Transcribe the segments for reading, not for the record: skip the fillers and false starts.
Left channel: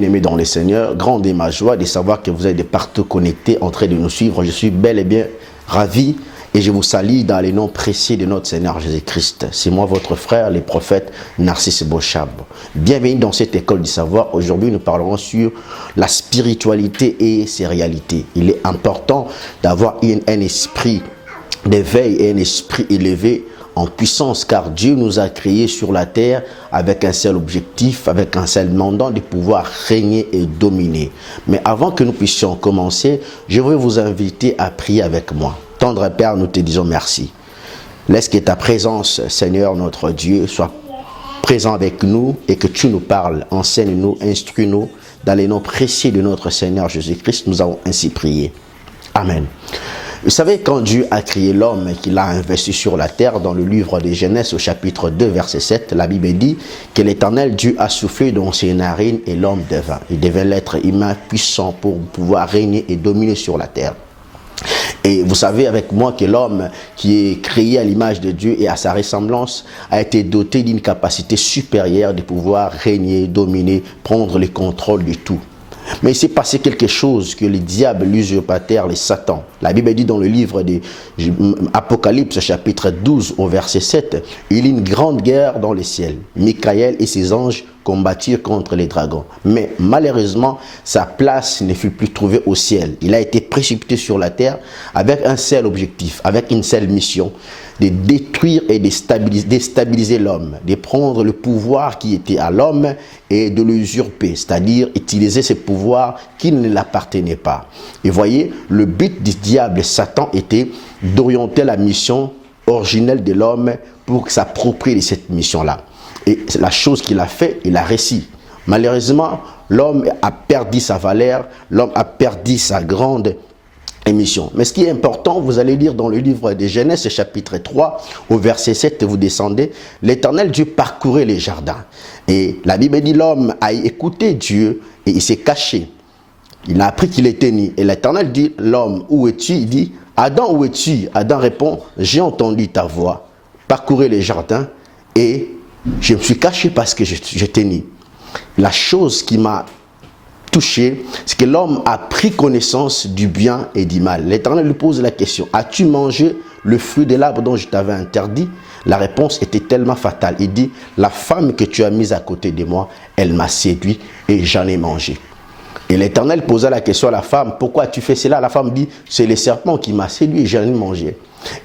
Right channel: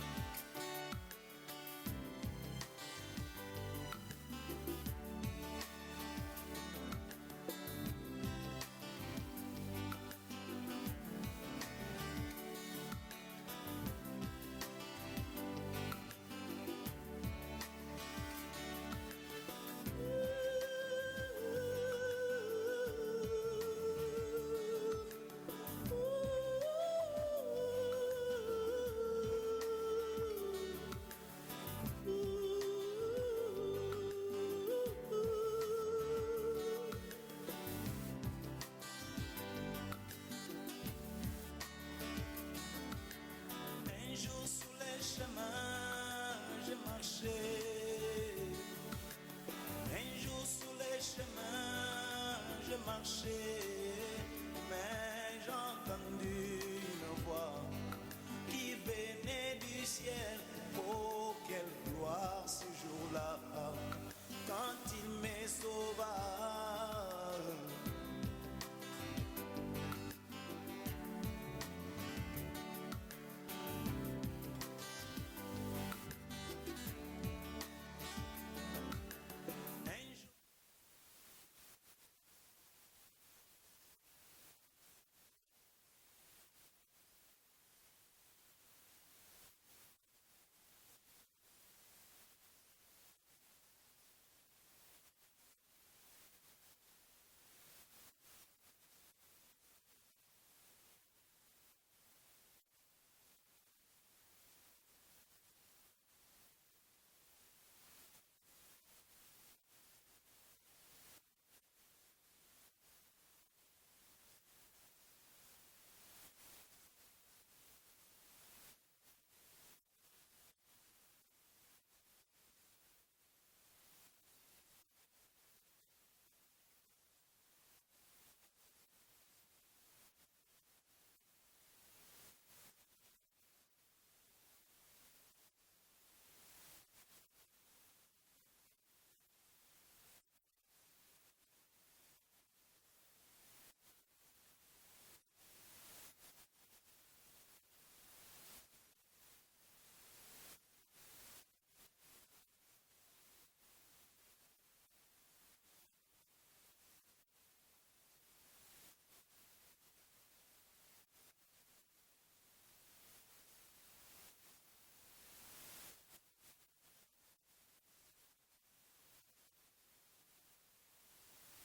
Bien-aimés dans le Seigneur, grande est ma joie de savoir que vous êtes de partout connectés en train de nous suivre. Je suis bel et bien ravi et je vous salue dans les noms précieux de notre Seigneur Jésus-Christ. C'est moi votre frère, le prophète Narcisse Bochab. Bienvenue dans cette école du savoir. Aujourd'hui, nous parlerons sur la spiritualité et ses réalités. Il est important d'avoir un esprit d'éveil et un esprit élevé en puissance, car Dieu nous a créés sur la terre avec un seul objectif, avec un seul mandat de pouvoir régner et dominer. Mais avant que nous puissions commencer, je veux vous inviter à prier avec moi. Tendre Père, nous te disons merci. Laisse que ta présence, Seigneur notre Dieu, soit présent avec nous et que tu nous parles, enseigne-nous, instruis-nous dans les noms précieux de notre Seigneur Jésus-Christ. Nous avons ainsi prié. Amen. Vous savez, quand Dieu a créé l'homme et qu'il a investi sur la terre, dans le livre de Genèse au chapitre 2, verset 7, la Bible dit que l'Éternel Dieu a soufflé dans ses narines et l'homme devint. Il devait l'être humain puissant pour pouvoir régner et dominer sur la terre. Et vous savez avec moi que l'homme qui est créé à l'image de Dieu et à sa ressemblance a été doté d'une capacité supérieure de pouvoir régner, dominer, prendre le contrôle de tout. Mais il s'est passé quelque chose que le diable, l'usurpateur, le Satan. La Bible dit dans le livre de Apocalypse, chapitre 12, au verset 7, il y a une grande guerre dans le ciel. Michael et ses anges combattirent contre les dragons. Mais malheureusement, sa place ne fut plus trouvée au ciel. Il a été précipité sur la terre avec un seul objectif, avec une seule mission, de détruire et de déstabiliser l'homme, de prendre le pouvoir qui était à l'homme et de l'usurper, c'est-à-dire utiliser ce pouvoir qui ne l'appartenait pas. Et voyez, le but du diable, Satan, était d'orienter la mission originelle de l'homme pour s'approprier de cette mission-là. Et la chose qu'il a fait, il a réussi. Malheureusement, l'homme a perdu sa valeur, l'homme a perdu sa grande émission. Mais ce qui est important, vous allez lire dans le livre de Genèse, chapitre 3, au verset 7, vous descendez, l'Éternel Dieu parcourait les jardins. Et la Bible dit, l'homme a écouté Dieu et il s'est caché. Il a appris qu'il était nu. Et l'Éternel dit, l'homme, où es-tu? Il dit, Adam, où es-tu? Adam répond, j'ai entendu ta voix, parcourir les jardins et je me suis caché parce que j'étais nu. La chose qui m'a touché, c'est que l'homme a pris connaissance du bien et du mal. L'Éternel lui pose la question, as-tu mangé le fruit de l'arbre dont je t'avais interdit? La réponse était tellement fatale. Il dit, la femme que tu as mise à côté de moi, elle m'a séduit et j'en ai mangé. Et l'Éternel posa la question à la femme, pourquoi tu fais cela? La femme dit, c'est le serpent qui m'a séduit et j'en ai mangé.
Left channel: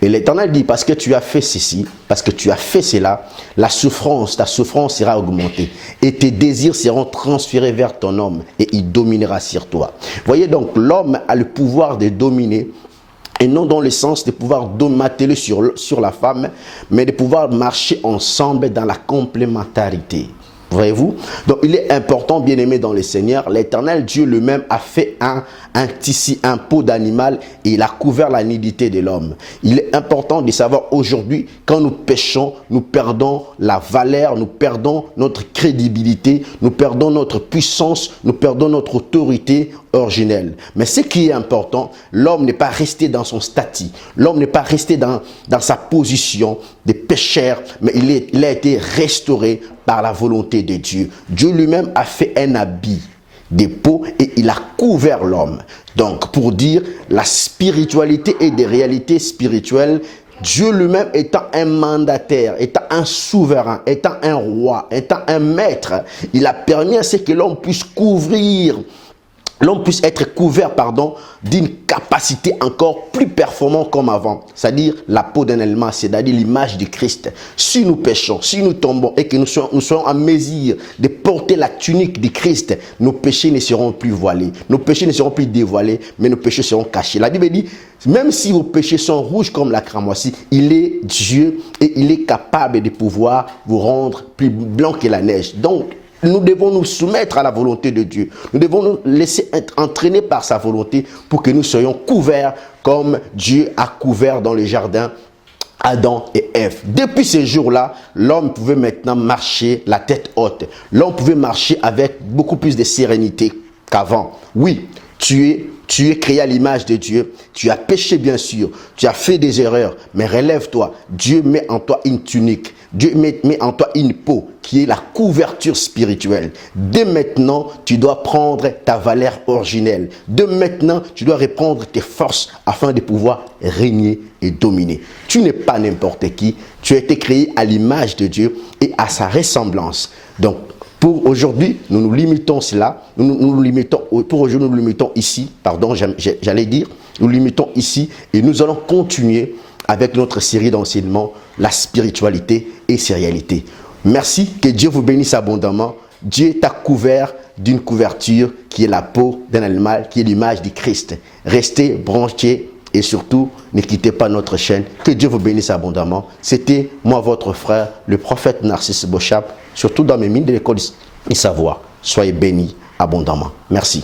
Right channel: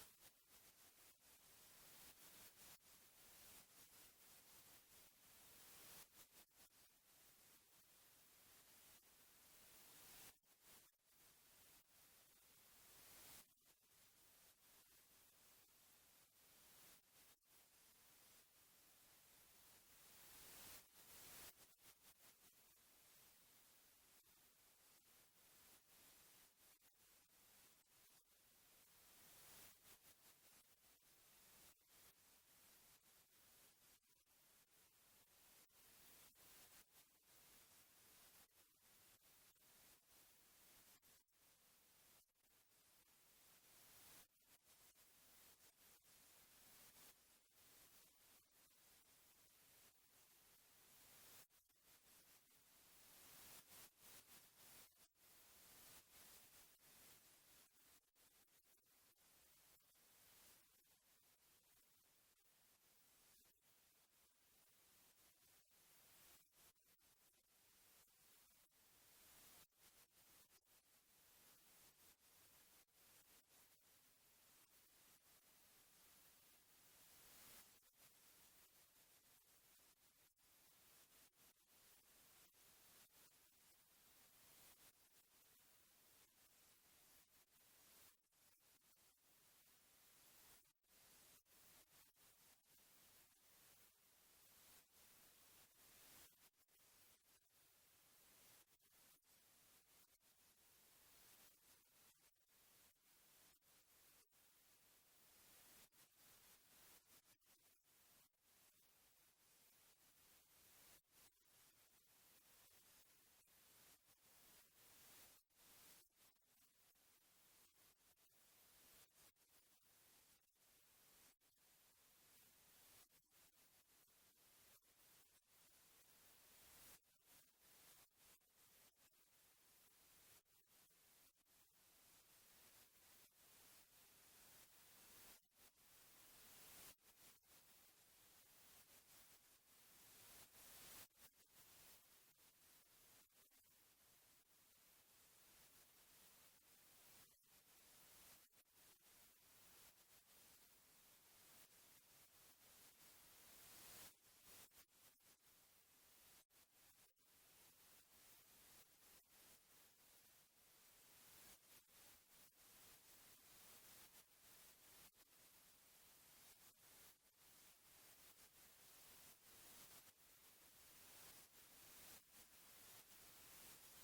Et l'Éternel dit, parce que tu as fait ceci, parce que tu as fait cela, ta souffrance sera augmentée. Et tes désirs seront transférés vers ton homme et il dominera sur toi. Voyez donc, l'homme a le pouvoir de dominer, et non dans le sens de pouvoir dominer sur la femme, mais de pouvoir marcher ensemble dans la complémentarité. Voyez-vous? Donc il est important, bien aimé dans le Seigneur, l'Éternel Dieu lui-même a fait un tissu, un peau d'animal et il a couvert la nudité de l'homme. Il est important de savoir aujourd'hui, quand nous péchons, nous perdons la valeur, nous perdons notre crédibilité, nous perdons notre puissance, nous perdons notre autorité originelle. Mais ce qui est important, l'homme n'est pas resté dans son statut, l'homme n'est pas resté dans sa position de pécheur, mais il a été restauré par la volonté de Dieu. Dieu lui-même a fait un habit de peau et il a couvert l'homme. Donc, pour dire la spiritualité et des réalités spirituelles, Dieu lui-même étant un mandataire, étant un souverain, étant un roi, étant un maître, il a permis à ce que l'homme puisse être couvert d'une capacité encore plus performante comme avant, c'est-à-dire la peau d'un élément, c'est-à-dire l'image du Christ. Si nous péchons, si nous tombons et que nous soyons en mesure de porter la tunique du Christ, nos péchés ne seront plus voilés, nos péchés ne seront plus dévoilés, mais nos péchés seront cachés. La Bible dit, même si vos péchés sont rouges comme la cramoisie, il est Dieu et il est capable de pouvoir vous rendre plus blanc que la neige. Donc, nous devons nous soumettre à la volonté de Dieu. Nous devons nous laisser être entraînés par sa volonté pour que nous soyons couverts comme Dieu a couvert dans le jardin Adam et Ève. Depuis ces jours-là, l'homme pouvait maintenant marcher la tête haute. L'homme pouvait marcher avec beaucoup plus de sérénité qu'avant. Oui, Tu es créé à l'image de Dieu. Tu as péché, bien sûr. Tu as fait des erreurs. Mais relève-toi. Dieu met en toi une tunique. Dieu met en toi une peau qui est la couverture spirituelle. Dès maintenant, tu dois prendre ta valeur originelle. Dès maintenant, tu dois reprendre tes forces afin de pouvoir régner et dominer. Tu n'es pas n'importe qui. Tu as été créé à l'image de Dieu et à sa ressemblance. Donc, pour aujourd'hui, nous nous limitons cela. Pour aujourd'hui, nous nous limitons ici. Pardon, j'allais dire, nous nous limitons ici et nous allons continuer avec notre série d'enseignements, la spiritualité et ses réalités. Merci, que Dieu vous bénisse abondamment. Dieu t'a couvert d'une couverture qui est la peau d'un animal, qui est l'image du Christ. Restez branchés et surtout, ne quittez pas notre chaîne. Que Dieu vous bénisse abondamment. C'était moi, votre frère, le prophète Narcisse Bochap, surtout dans mes mines de l'école du savoir. Soyez bénis abondamment. Merci.